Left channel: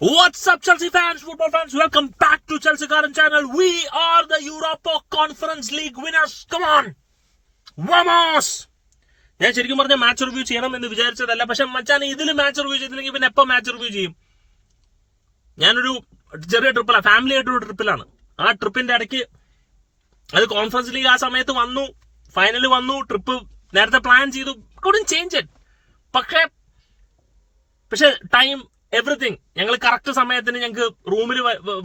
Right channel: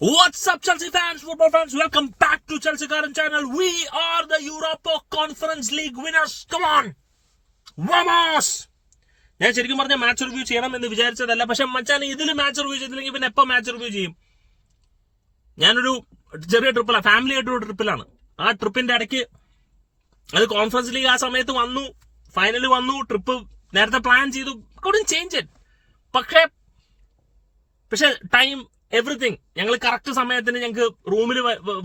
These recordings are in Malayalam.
What's up, Chelsea fans, football fans? Welcome back to Chelsea Current Channel. We are the Europa Conference League winners. Come on, vamos! ഞാൻ ശരിക്കും പറഞ്ഞ മാച്ച് റിവ്യൂ ചെയ്യണം എന്ന് വിചാരിച്ചതല്ല, പക്ഷെ മച്ചാൻ ഇതിൽ മാച്ച് റിവ്യൂ ചെയ്തില്ലെങ്കിൽ പിന്നെ എപ്പോൾ മാച്ച് റിവ്യൂ ചെയ്യും? ഞാനൊരു ചെറിയ ട്രിപ്പിലാണ്, ഫാമിലി ആയിട്ടൊരു ട്രിപ്പിലാണ്. ആ ട്രിപ്പിന്റെ ഇടയ്ക്ക് അത് കോൺഫറൻസ് ലീഗ് ആ സമയത്ത് വന്നു, ഫൈനൽ വന്നു, ട്രിപ്പ് നേരത്തെ പ്ലാൻ ചെയ്തു, couldn't change it. പക്ഷെ ടൈം എവറിത്തിങ് ഞങ്ങൾ കറക്റ്റ് സമയത്തിന് ഞങ്ങൾക്ക് റൂമിൽ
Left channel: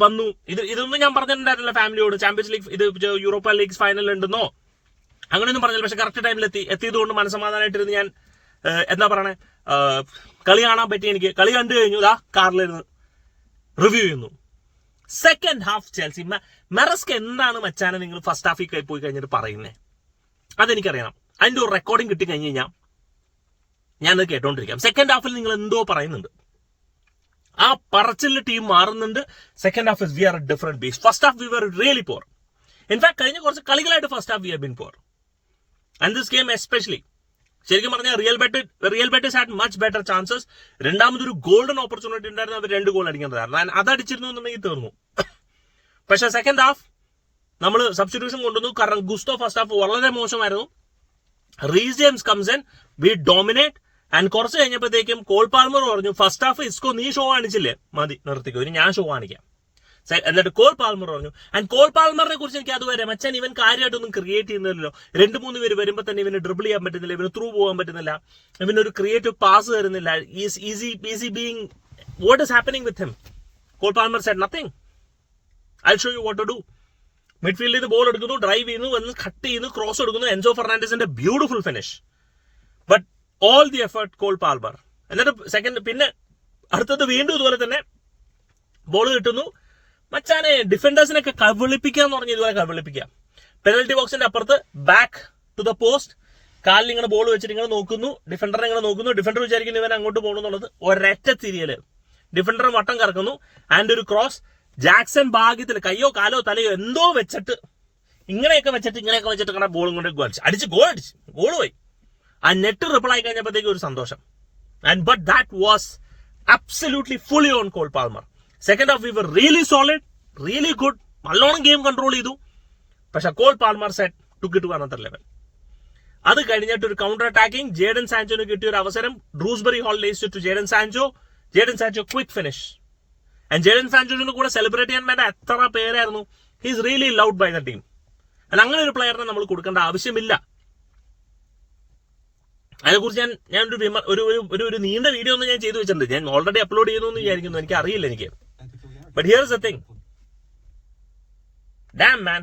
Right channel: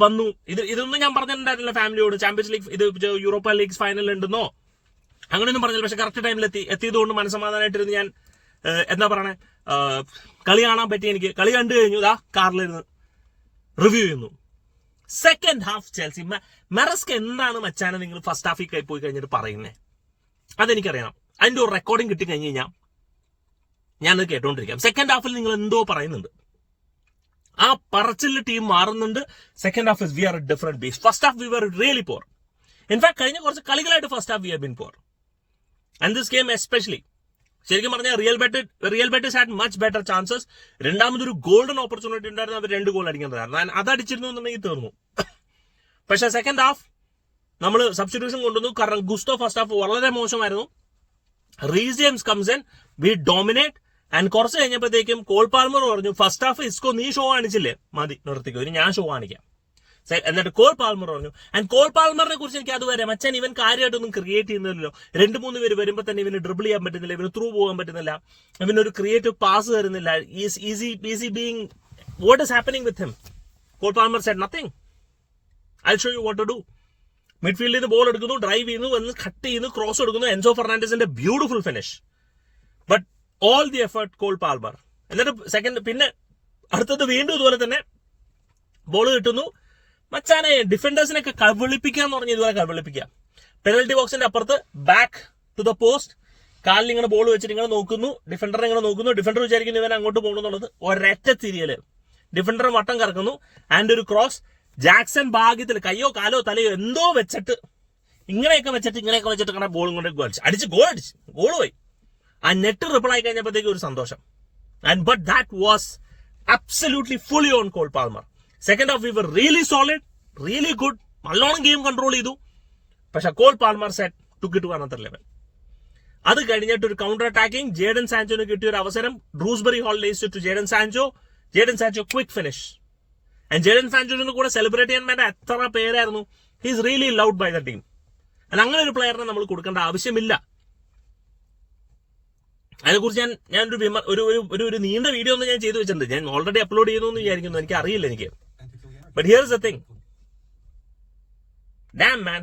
വന്നു. ഇതൊന്നും ഞാൻ പറഞ്ഞിട്ടുണ്ടായിരുന്നില്ല ഫാമിലിയോട്. ചാമ്പ്യൻസ് ലീഗ് ഇത് യൂറോപ്പ ലീഗ് ഫൈനൽ ഉണ്ടെന്നോ അങ്ങനെയൊന്നും പറഞ്ഞില്ല. പക്ഷെ കറക്റ്റ് ടൈമിൽ എത്തിയതുകൊണ്ട് മനസ്സമാധാനമായിട്ടിരുന്ന് ഞാൻ എന്താ പറയണേ, കളി കാണാൻ പറ്റി. എനിക്ക് കളി കണ്ടു കഴിഞ്ഞു, കാറിലിരുന്ന് റിവ്യൂ ചെയ്യുന്നു. സെക്കൻഡ് ഹാഫ് ചെൽസി മെറസ്ക എന്താണ് മച്ചാനെ നിങ്ങൾ ഫസ്റ്റ് ഹാഫിൽ പോയി കഴിഞ്ഞിട്ട് പറയുന്നത്? അതെനിക്കറിയണം. അതിന്റെ ഒരു റെക്കോർഡിംഗ് കിട്ടി കഴിഞ്ഞ് കഴിഞ്ഞാൽ ഞാനത് കേട്ടോണ്ടിരിക്കാം. സെക്കൻഡ് ഹാഫിൽ നിങ്ങൾ എന്തോ പറയുന്നുണ്ട്, ആ പറച്ചിൽ ടീം മാറുന്നുണ്ട്. Second half we are a different beast. First half we were really poor. In fact കഴിഞ്ഞ കുറച്ച് കളികളായിട്ട് first half we have been poor. And this game especially ശരിക്കും പറഞ്ഞാൽ Real Betis had much better chances. രണ്ടാമതൊരു ഗോൾഡൻ ഓപ്പർച്യൂണിറ്റി ഉണ്ടായിരുന്നു, അവർ 2 ഗോൾ അടിക്കേണ്ടതായിരുന്നു. അതടിച്ചിരുന്നു എന്നുണ്ടെങ്കിൽ തീർന്നു. പക്ഷെ സെക്കൻഡ് ഹാഫ് നമ്മൾ സബ്സ്റ്റിറ്റ്യൂഷൻ കൊണ്ടുവന്നു. കാരണം ഗുസ്തോ ഫസ്റ്റ് ഹാഫ് വളരെ മോശമായിരുന്നു. Reece James comes in, we dominate. And കുറച്ച് കഴിഞ്ഞപ്പോഴത്തേക്കും കോൾ പാൽമർ പറഞ്ഞു, ഫസ്റ്റ് ഹാഫ് ഇസ്കോ നീ ഷോ കാണിച്ചില്ലേ, മതി നിർത്തിക്കോ, ഇനി ഞാൻ ഷോ കാണിക്കാം. എന്നിട്ട് കോൾ പാൽമർ പറഞ്ഞു. ആൻഡ് കോൾ പാൽമറിനെ കുറിച്ച് എനിക്ക് അതുവരെ മച്ചാൻ ഇവൻ കാര്യമായിട്ടൊന്നും ക്രിയേറ്റ് ചെയ്യുന്നില്ലല്ലോ. 2-3 പേര് വരുമ്പോൾ തന്നെ ഇവന് ഡ്രിബിൾ ചെയ്യാൻ പറ്റുന്നില്ല, ഇവന് ത്രൂ പോകാൻ പറ്റുന്നില്ല, ഇവനൊരു ക്രിയേറ്റീവ് പാസ് തരുന്നില്ല. Easy being what is happening with him? Cole Palmer said nothing, I show you what to do. മിഡ്ഫീൽഡിൽ നിന്ന് ബോൾ എടുക്കുന്നു, ഡ്രൈവ് ചെയ്യുന്നു, വന്ന് കട്ട് ചെയ്യുന്നു, ക്രോസ് എടുക്കുന്നു. എൻസോ ഫെർണാണ്ടസിന്റെ beautiful finish. But all the effort Cole Palmer. എന്നിട്ട് സെക്കൻഡ് പിന്നെ അടുത്തത് വീണ്ടും ഇതുപോലെ തന്നെ ബോൾ കിട്ടുന്നു. മച്ചാനെ ഡിഫൻഡേഴ്സിനൊക്കെ കവിളിപ്പിക്കാന്ന് പറഞ്ഞ് ഇതുപോലെ കവിളിപ്പിക്കാം. പെനൽറ്റി ബോക്സിന്റെ അപ്പുറത്ത് ബാക്ക് ടു ദ പോസ്റ്റ് കാലിൽ ഇങ്ങനെ ബോൾ വെച്ചിട്ട് ഇങ്ങനെ നോക്കുന്നു, ഡിഫൻഡറെ ഇങ്ങനെ നോക്കുന്നു. ഡിഫൻഡർ വിചാരിക്കുന്നു ഇവൻ അങ്ങോട്ട് പോകണമെന്നുള്ളത്. ഒരൊറ്റ തിരിയല് ഡിഫൻഡർ വട്ടം കറക്കുന്നു. ആൻഡ് ഒരു ക്രോസ് ജാക്സൺ ഭാഗ്യത്തിൽ കയ്യോ കാലോ തലയോ എന്തോ വെച്ചിട്ട് ഇങ്ങനെയൊക്കെ വെച്ചിട്ട് ഇങ്ങനെ ബോളും കൊണ്ട് അടിച്ച് ഗോൾ പോയി. ആ നെറ്റ് റിപ്പിൾ ആയി കഴിഞ്ഞപ്പോഴത്തേക്ക് ഒരു സന്തോഷം. And but that was absolutely fully on Cole Palmer. Second half we were really solid, really good, നല്ലോണം ഗെയിം കൺട്രോൾ ചെയ്തു. പക്ഷെ Cole Palmer set took to another level. അത് കഴിഞ്ഞിട്ട് ഒരു കൗണ്ടർ അറ്റാക്കിംഗ് ജേഡൻ സാൻചോന് കിട്ടിയ ഒരു അവസരം. Dewsbury Hall lays to Jadon Sancho quick finish. And Jadon സാൻചോന് കൂടെ സെലിബ്രേറ്റ് ചെയ്യാൻ വേണ്ട എത്ര പേരായിരുന്നു. He is really loved by the team. അങ്ങനെ ഒരു പ്ലെയറിനെ നമ്മൾ കൊടുക്കേണ്ട ആവശ്യമില്ല. അതിനെക്കുറിച്ച് ഞാൻ ഒരു നീണ്ട വീഡിയോ ഒന്നും ഞാൻ ചെയ്തു വെച്ചിട്ടുണ്ട്. ഞാൻ ഓൾറെഡി അപ്ലോഡ് ചെയ്യുന്നു എന്ന് വിചാരിക്കുന്നു, എനിക്ക് അറിയില്ല എനിക്ക്. But here is A thing, dam man.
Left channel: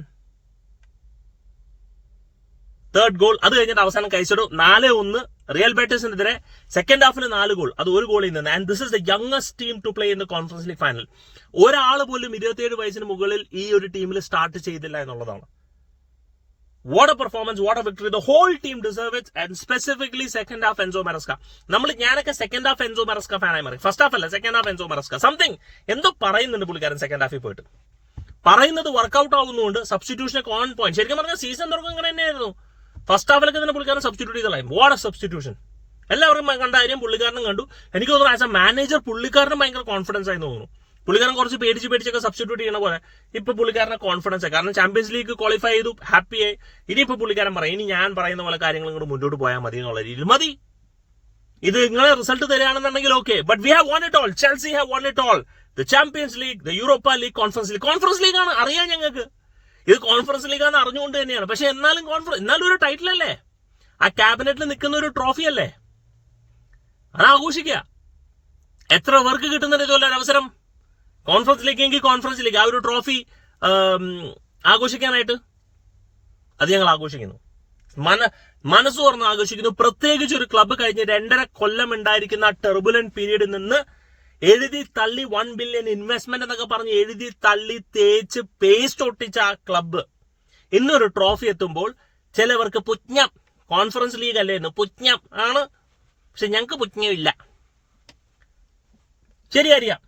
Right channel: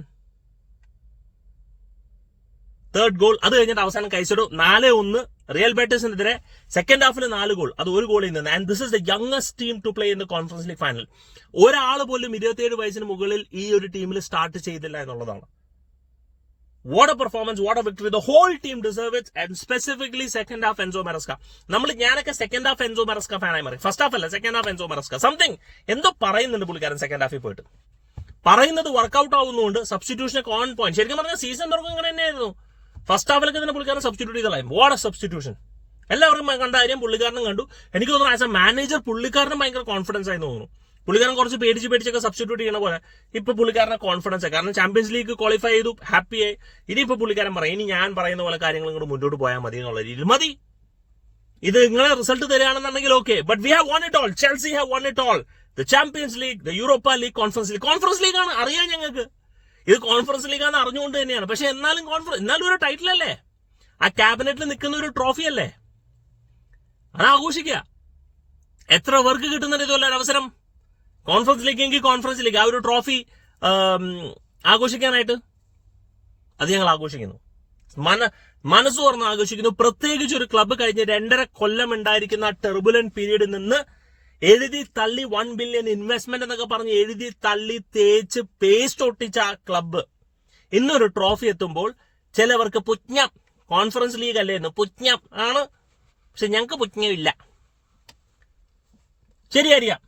Third goal അത് കഴിഞ്ഞിട്ട് അവസാനം കഴിച്ചിട്ടു 4-1 റിയൽ ബെറ്റേഴ്സിനെതിരെ. സെക്കൻഡ് ഹാഫിൽ 4 ഗോൾ, അത് ഒരു ഗോളിൽ നിന്ന്. And this is the youngest team to play in the conference league final. ഒരാൾ പോലും 27 വയസ്സിന് മുകളിൽ ഈ ഒരു ടീമിൽ സ്റ്റാർട്ട് ചെയ്തില്ല എന്നുള്ളതാണ്. What a performance, what a victory. The whole team deserve it, and specifically second half Enzo Maresca. ഞാനൊക്കെ സെക്കൻഡ് ഹാഫ് എൻസോ മെറസ്ക ഫാനായി മാറി. ഫസ്റ്റ് ഹാഫ് അല്ല, സെക്കൻഡ് ഹാഫ് എൻസോ മെറസ്ക. സംതിങ് എന്തോ പറയുന്നുണ്ട് പുള്ളിക്കാരൻ സെക്കൻഡ് ഹാഫിൽ പോയിട്ട്. പറയുന്നത് വർക്ക്ഔട്ട് ആവുന്നതുകൊണ്ട് സബ്സ്റ്റിറ്റ്യൂഷനൊക്കെ ഓൺ പോയിന്റ്. ശരിക്കും പറഞ്ഞാൽ സീസൺ തുടക്കം ഇങ്ങനെ തന്നെയായിരുന്നു. ഫസ്റ്റ് ഹാഫിലൊക്കെ തന്നെ പുള്ളിക്കാരൻ സബ്സ്റ്റിറ്റ്യൂട്ട് ചെയ്തതായി. What A substitution. എല്ലാവരും കണ്ട കാര്യം പുള്ളിക്കാരനും കണ്ടു. എനിക്ക് തോന്നുന്നു ആസ് എ മാനേജർ പുള്ളിക്കാരനും ഭയങ്കര കോൺഫിഡൻസ് ആയി തോന്നുന്നു. പുള്ളിക്കാരൻ കുറച്ച് പേടിച്ചൊക്കെ സബ്സ്റ്റിറ്റ്യൂട്ട് ചെയ്യണ പോലെ ഇപ്പൊ പുള്ളിക്കാരനെ കോൺഫിഡൻസ് ആയി. കാരണം ചാമ്പ്യൻസ് ലീഗ് ക്വാളിഫൈ ചെയ്തു, ഹാപ്പിയായി. ഇനിയിപ്പോ പുള്ളിക്കാരൻ പറയും, ഇനി ഞാൻ പറയുന്ന പോലെ കാര്യങ്ങൾ ഇങ്ങോട്ട് മുന്നോട്ട് പോയാൽ മതി എന്നുള്ള രീതിയിൽ മതി. ഇത് നിങ്ങളെ റിസൾട്ട് തരികയാണെന്നുണ്ടെങ്കിൽ okay. But we have won it all. Chelsea have won it all. The Champions League, the Europa League, conference league ആണ് അറിയാം ഞങ്ങൾക്ക്. ഇത് കോൺഫറൻസ് ലീഗ് ആണ് അറിഞ്ഞുകൊണ്ട് തന്നെയാണ്. പക്ഷെ എന്നാലും ഒരു ടൈറ്റിൽ അല്ലേ, ആ ക്യാബിനറ്റിൽ നിൽക്കുന്ന ഒരു ട്രോഫി അല്ലേ, അത് ആഘോഷിക്കുക. എത്ര പേർക്ക് കിട്ടുന്നുണ്ട് ഇതുപോലെ ഒരു അവസരം? കോൺഫറൻസ് ലീഗ് എങ്കിൽ കോൺഫറൻസ് ലീഗ്, ആ ഒരു ട്രോഫി ആഘോഷിക്കാനായിട്ട് അത് ഞങ്ങൾ ആഘോഷിക്കുന്നു. മനസ്സ് തുറന്ന് ആഘോഷിക്കുന്നു. പ്രത്യേകിച്ച് ഒരു ക്ലബ്ബ് കഴിഞ്ഞ് 2.5 കൊല്ലം ഉണ്ടായിരിക്കുന്ന ആ ടെർബുലന്റ് പീരീഡിൽ നിന്ന് എഴുതി തള്ളി 1 ബില്യൺ ഇൻവെസ്റ്റ്മെന്റ് എന്നൊക്കെ പറഞ്ഞ് എഴുതി തള്ളി തേച്ച് പേസ്റ്റ് ഒട്ടിച്ച ആ ക്ലബ്ബ് ഇന്നൊരു ട്രോഫി എത്തുമ്പോൾ ചിലവർക്ക് പുജ്ഞം. കോൺഫറൻസ് ലീഗ് അല്ലേ എന്ന് പുജ്ഞം ആണ്. പക്ഷെ ഞങ്ങൾക്ക് പുജ്ഞമില്ല. ശരിയായിരിക്കാം,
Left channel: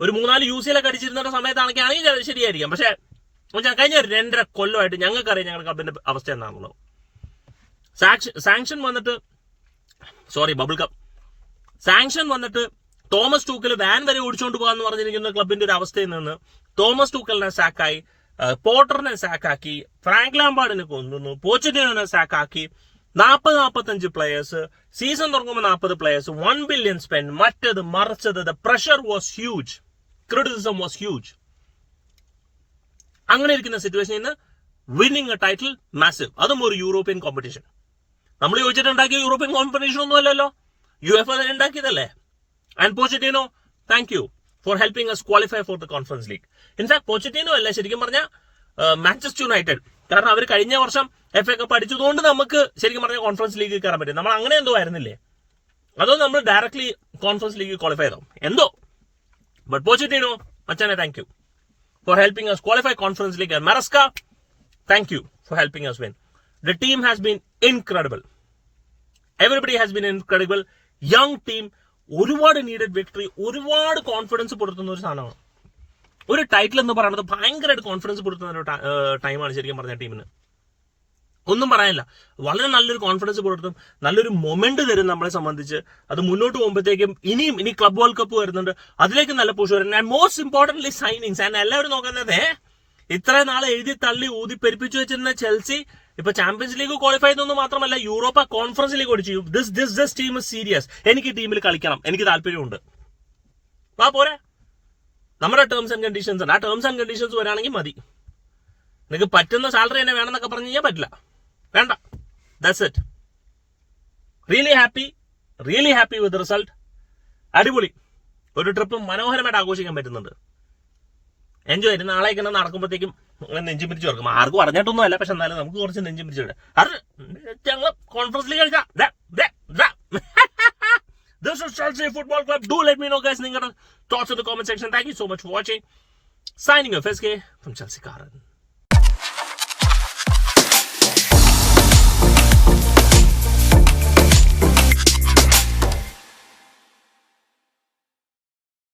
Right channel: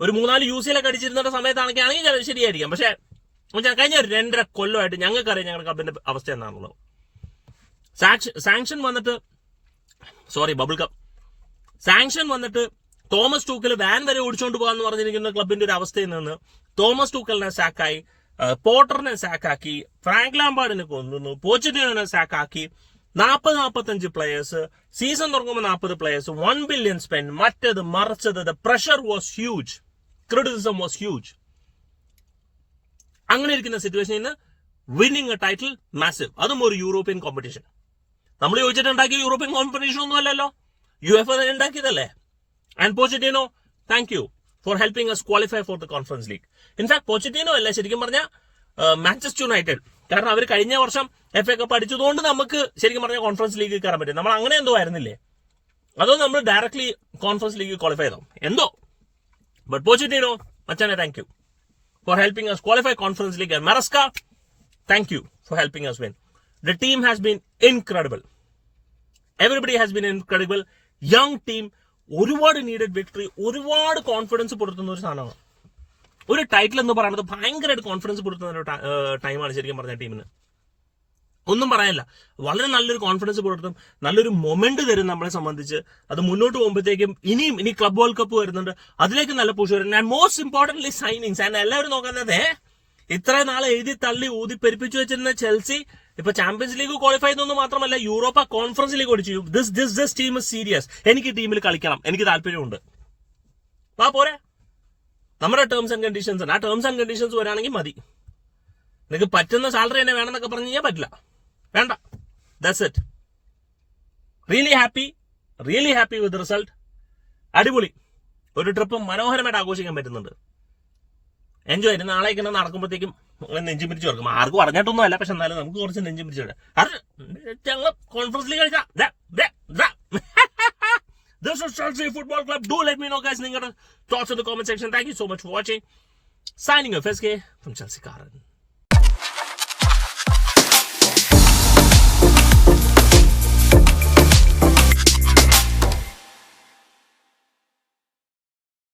ഒരു 3-4 UCL അടിച്ചിരുന്ന സമയത്താണെങ്കിൽ ശരിയായിരിക്കാം. പക്ഷെ കഴിഞ്ഞ 2.5 കൊല്ലമായിട്ട് ഞങ്ങൾക്കറിയാം ഞങ്ങളുടെ ക്ലബിന്റെ അവസ്ഥ എന്താണുള്ളത്. സാങ്ഷൻ വന്നിട്ട് ബബിൾ കപ്പ് സാങ്ഷൻ വന്നിട്ട് തോമസ് ടൂക്കൽ വാൻ വരെ ഓടിച്ചുകൊണ്ട് പോകാന്ന് പറഞ്ഞിരിക്കുന്ന ക്ലബിന്റെ ഒരു അവസ്ഥയിൽ നിന്ന് തോമസ് ടൂക്കലിനെ സാക്കായി, പോട്ടറിനെ സാക്കാക്കി, ഫ്രാങ്ക് ലാംബാർഡിനെ കൊണ്ടുവന്നു, പോച്ചറ്റിനോനെ സാക്കാക്കി, 40-45 പ്ലേയേഴ്സ്, സീസൺ തുടങ്ങുമ്പോൾ 40 പ്ലേയേഴ്സ്, 1 billion സ്പെൻഡ്, മറ്റത് മറിച്ചത്. The pressure was huge, criticism was huge. അങ്ങനെ ഇരിക്കുന്ന സിറ്റുവേഷനിൽ നിന്ന് വിന്നിങ് എ ടൈറ്റിൽ മാസീവ്, അതും ഒരു യൂറോപ്യൻ കോമ്പറ്റീഷൻ. നമ്മൾ ചോദിച്ചിട്ടുണ്ടാക്കിയ യൂറോപ്യൻ കോമ്പറ്റീഷൻ ഒന്നും അല്ലല്ലോ, UEFA ഉണ്ടാക്കിയതല്ലേ. And Pochettino, thank you for helping us qualify for the conference league. In fact Pochettino അല്ല, ശരിക്കും പറഞ്ഞാൽ മാഞ്ചസ്റ്റർ യുണൈറ്റഡ്. കാരണം അവർ കഴിഞ്ഞ വർഷം FA കപ്പ് അടിച്ചതുകൊണ്ട് നമുക്ക് ശരിക്കും പറഞ്ഞാൽ കോൺഫറൻസ് ലീഗ് കയറാൻ പറ്റും. നമ്മൾ അങ്ങനെ എന്തോ ആയിരുന്നില്ലേ, അതോ നമ്മൾ ഡയറക്ട്ലി കോൺഫറൻസ് ലീഗ് ക്വാളിഫൈ ചെയ്തോ എന്തോ. ബട്ട് പോച്ചറ്റിനോ മച്ചാനെ, thank you for helping us qualify Conference League. And Maresca, thank you for helping us win. The team has been incredible. Everybody has been incredible. Young team, ഒരുപാട് നീഡഡ് വിക്ടറി, ഒരുപാട് കോൺഫിഡൻസ് കൊടുത്തുന്ന ഒരു സാധനമാണ്. ഒരു ടൈറ്റിൽ എന്ന് പറയുന്നത് ഭയങ്കരമായിട്ട് കോൺഫിഡൻസ് കൊടുത്തുന്ന ഒരു ടൈമാണ് ശരിക്കും പറഞ്ഞ ടീമിന്. ഒന്നും പറയാനില്ല, വളരെ നല്ലൊരു കോൺഫിഡൻസ് കൊടുത്തും നല്ലൊരു മൊമെന്റ് തരും നമ്മളെ സംബന്ധിച്ച്. അത് മുന്നോട്ട് പോകുമ്പോഴത്തേക്കും ഇനി ക്ലബ് വേൾഡ് കപ്പ് വരുന്നുണ്ട്, അതിലേക്ക് നല്ല പുഷ് വരും. And most importantly signings. And എല്ലാവരും നോക്കുന്നത് ഇത്രയും നാളെ എഴുതി തള്ളി ഊതി പെരുപ്പിച്ചു വെച്ചിരുന്ന ചെൽസി ഇപ്പൊ ചാമ്പ്യൻസ് ലീഗ് ക്വാളിഫൈ ചെയ്യുന്നൊന്നും മാത്രമല്ല, യൂറോപ്പ കോൺഫറൻസ് ലീഗ് ഓടിച്ചു. This team is serious. എനിക്ക് ടീമിൽ കളിക്കണം, എനിക്ക് താല്പര്യമുണ്ട്. വാ പോരെ, നമ്മുടെ ടേംസ് ആൻഡ് കണ്ടീഷൻസ് ഉണ്ട്. ആ ടേംസ് ആൻഡ് കണ്ടീഷൻസ് വരാണെങ്കിൽ മതി. നിങ്ങൾക്ക് പറ്റുന്ന സാലറി തന്നെ വേണമെന്നൊക്കെ പറഞ്ഞു കഴിഞ്ഞാൽ പറ്റില്ല, വേണ്ട. That's it. Really happy with result. അടിപൊളി ഒരു ട്രിപ്പ് മനോഹരമായിട്ട് ആഘോഷിക്കാൻ പറ്റുന്നുണ്ട്. എൻജോയ് ചെയ്ത് നാളേക്ക് നടക്കുമ്പോഴത്തേക്കും നെഞ്ചും പിരിച്ചു കൊടുക്കും. ആർക്കും അറിഞ്ഞിട്ടൊന്നും അല്ല, പക്ഷെ എന്നാലും നമുക്ക് കുറച്ച് നെഞ്ചും പിരിച്ചു വിടാം. അത് ഞങ്ങൾ കോൺഫറൻസ് ലീഗ് കളിക്കാം. This is Chelsea Football Club. Do let me know, guys, നിങ്ങളുടെ thoughts in the comment section. Thank you so much for watching. Signing off, SK from Chelsea Karan.